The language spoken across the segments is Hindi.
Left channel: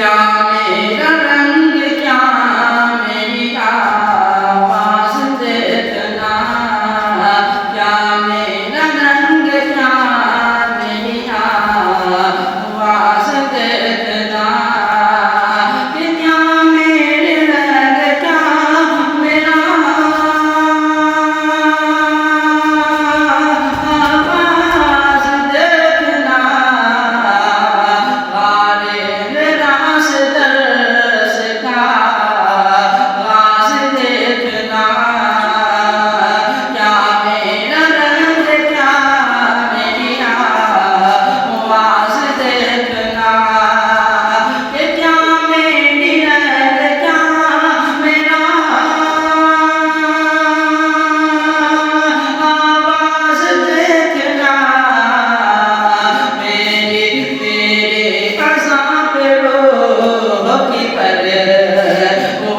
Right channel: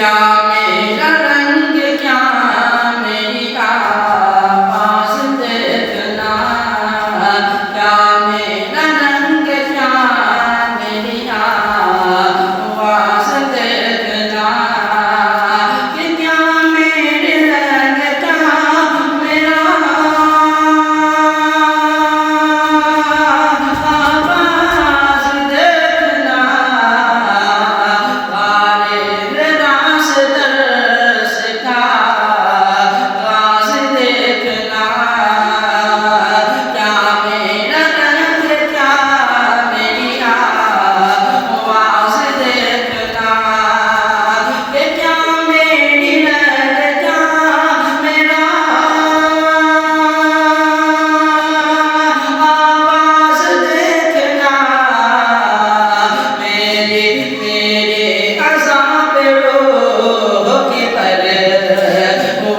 क्या मेरा रंग क्या मेरी आवाज़ देखना, क्या मेरा रंग क्या मेरी आवाज़ देखना, कि क्या मेरे रंग क्या मेरा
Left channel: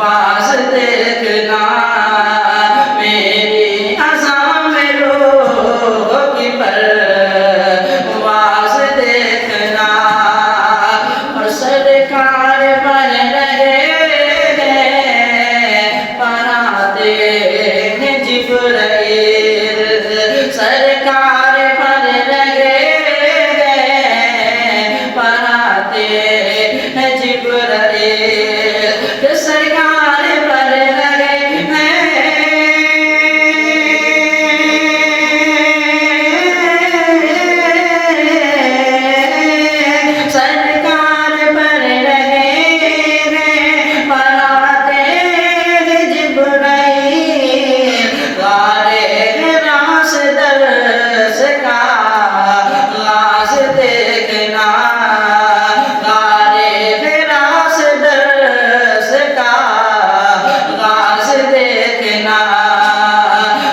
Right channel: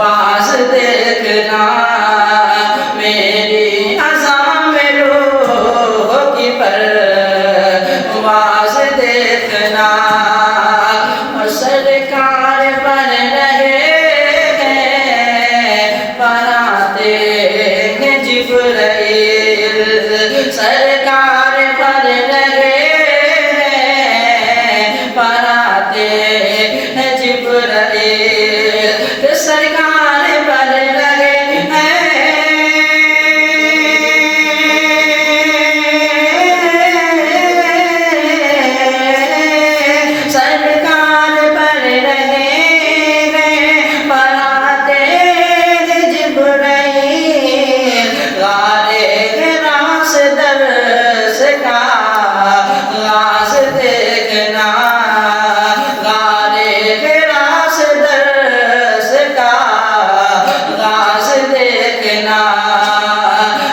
आवाज़ देखना, मेरी आज़ां में रूह की परवाज़ देखना, और सरकार बन रहे हैं बनाते हैं जिब्राइल, सरकार बन रहे हैं बनाते हैं जिब्राइल, सरकार बन रहे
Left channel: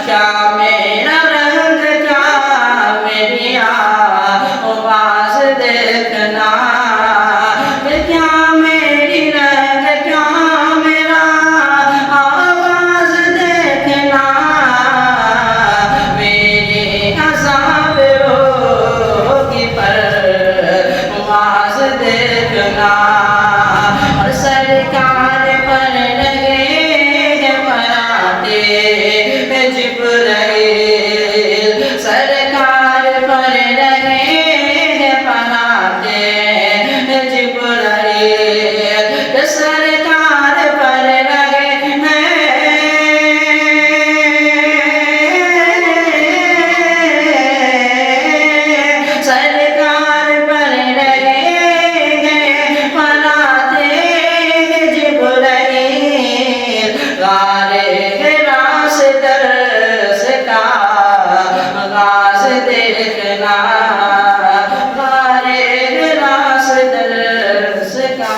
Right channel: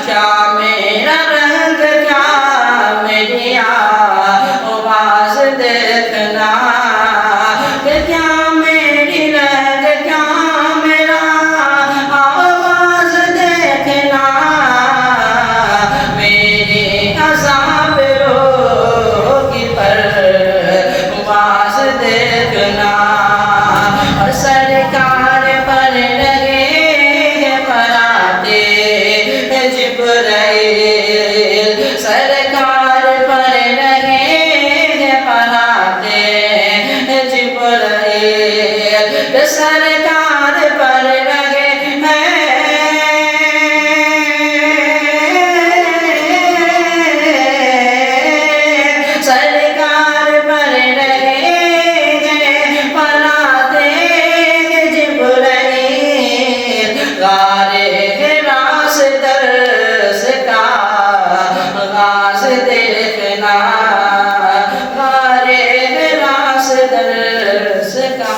क्या मेरा रंग क्या मेरी आवाज़ देखना, क्या मेरी रंग क्या मेरा आवाज़ देखना, मेरी आज़ां में रूह की परवाज़ देखना, और सरकार पर लगे जिब्राइल, सरकार पर रहे हैं पनाते जिब्राइल, सरकार पर रहे हैं सरकार पर रहे हैं पनाते जिब्राइल, गारे आगाज़ देखना, गारे रास दर्स का